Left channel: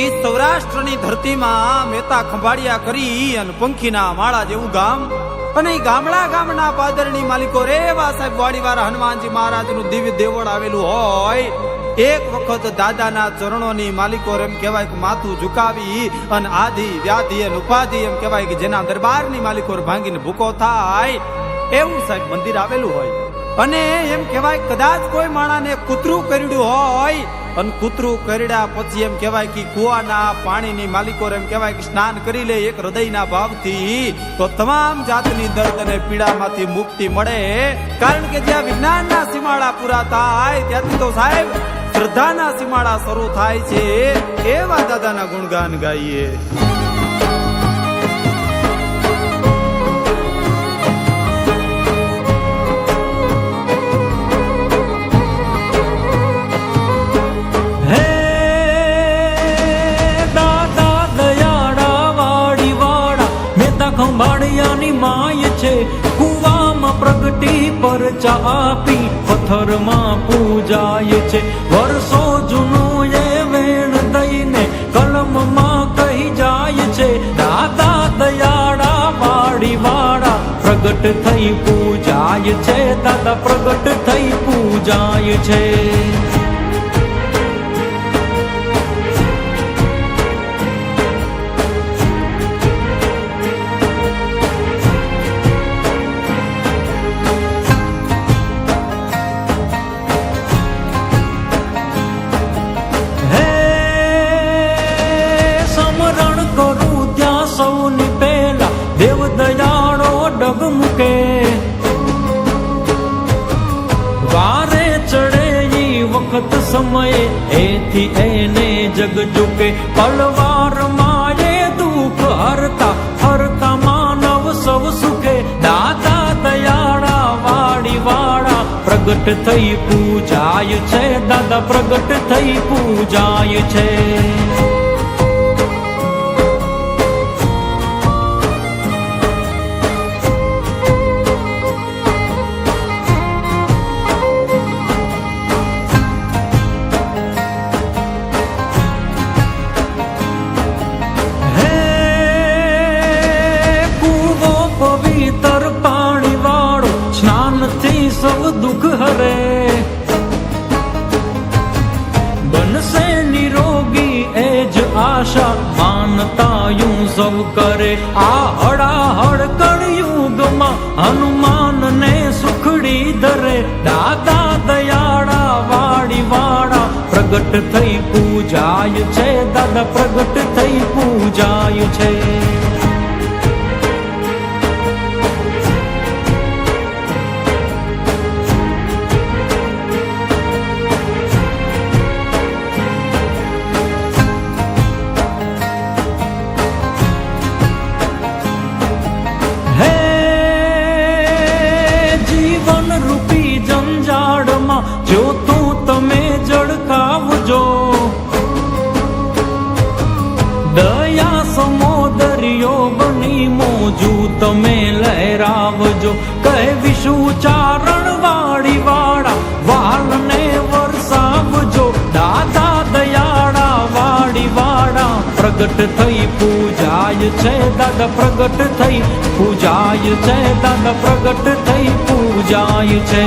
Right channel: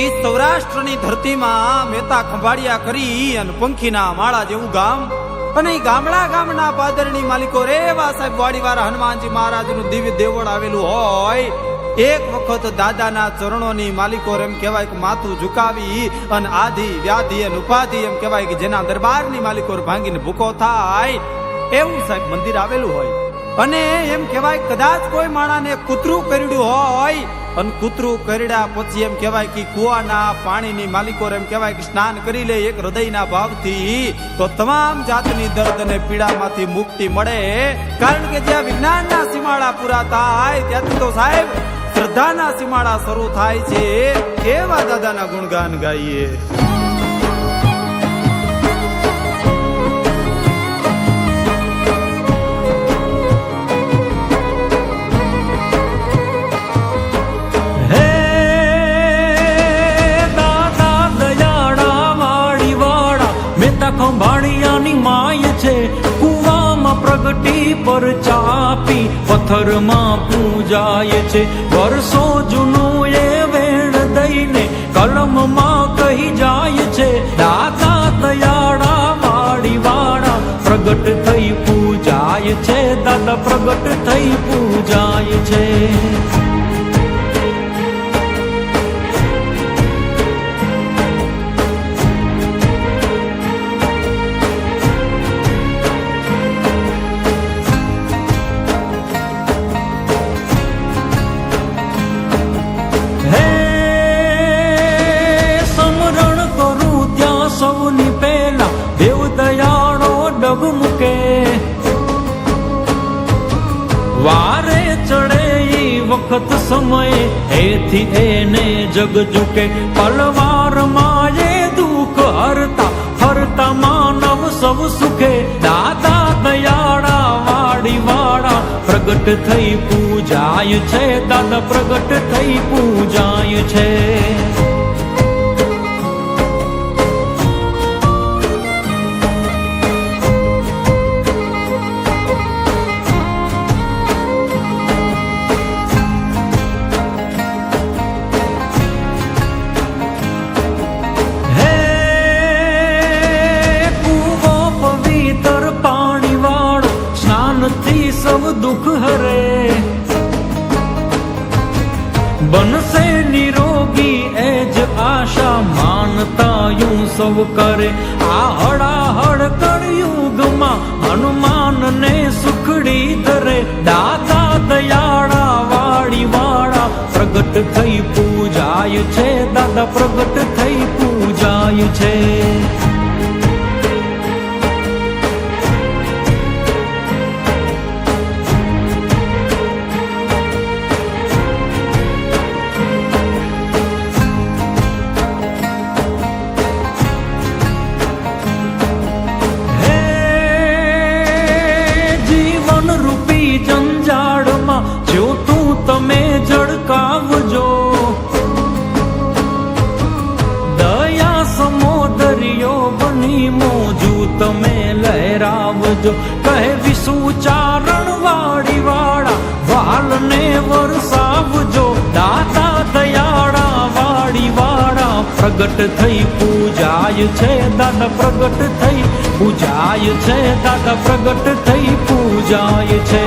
એ સૌરાષ્ટ્રની ધરતીમાં મહેતા ખંભાળિયા કરી અને પંખીના માળા જેવું ગામ, અને ગામડા ગામના પાદરની માલિકો રેવા સાહેબ વાડીવાળા હનુમાનજી મહારાજનું દિવ્ય દેવળ આવેલું હોય. એક વખત દાદાના ચરણોની માલિકો એમ કહેવાય કે માથું ઝુકાવી અને આધિ વ્યાધિ અને ઉપાધિ એમ કહેવાય કે જેના દરબારની માલિકો ભાંગીને ભૂકો થાય એવું સાહેબ મંદિર આવેલું હોય. અને એમ કહેવાય કદાચ કોઈ માણાને કૂતરું કરડ્યું હોય અને કૂતરું કરડ્યા પછી એમ કહેવાય કે કુવાના પાણીની માલિકો એમ કહેવાય કે સ્નાન કરી લે એક હૃદયના ભાવથી, તો તમામ જાતની દર્દ અને પીડામાંથી મુક્તિ મળે. કારણ કે જ્યાં વિજ્ઞાનના સીમાડા પૂરા થાય ત્યાંથી તો સાહેબ શ્રદ્ધાના સીમાડા શરૂ થાય છે. એવા દાદાના ગુણગાન ગાઈએ. ખંભાળિયાની માય છે, કુવામાં પ્રગટી પર ચાપી પથ્થરમાં પૂજાય છે. વર્ષો જૂનું એ વેણ દઈને કર્મમાં કહી જાય છે. દાદા દયાળા વાળી વાળા પ્રગટ થઈ પૂજાય છે. દાદા પ્રગટ થઈ પૂજાય છે. વારે ચડે ઈ વખત સમયે એથી એને જગ ઝુકે. અલવારમાં એ દુઃખ હરતા હરતા માનવ સૌ સુખે. દાદા દયાળા વાડી વાળા પ્રગટ થઈ પૂજાય છે. દાદા પ્રગટ થઈ પૂજાય છે. બનશે નિરોગી એ જ આશા માનતા યું સૌ કરે. આ હડાહડ કળયુગમાં હનુમાનને સુખડી ધરે. દાદા દયાળા વાળી વાળા પ્રગટ થઈ પૂજાય છે. દાદા પ્રગટ થઈ પૂજાય છે. દયા સમોદરિયો બની મોજું તમે લહેરાવજો. કહે વિષુ ચારણ વાળી વાળા વાલને વરસાવજો. દાદા દયાળા વાળી વાળા પ્રગટ થઈ પૂજાય છે. દાદા પ્રગટ થઈ પૂજાય છે. દાદા પ્રગટ થઈ પૂજાય છે.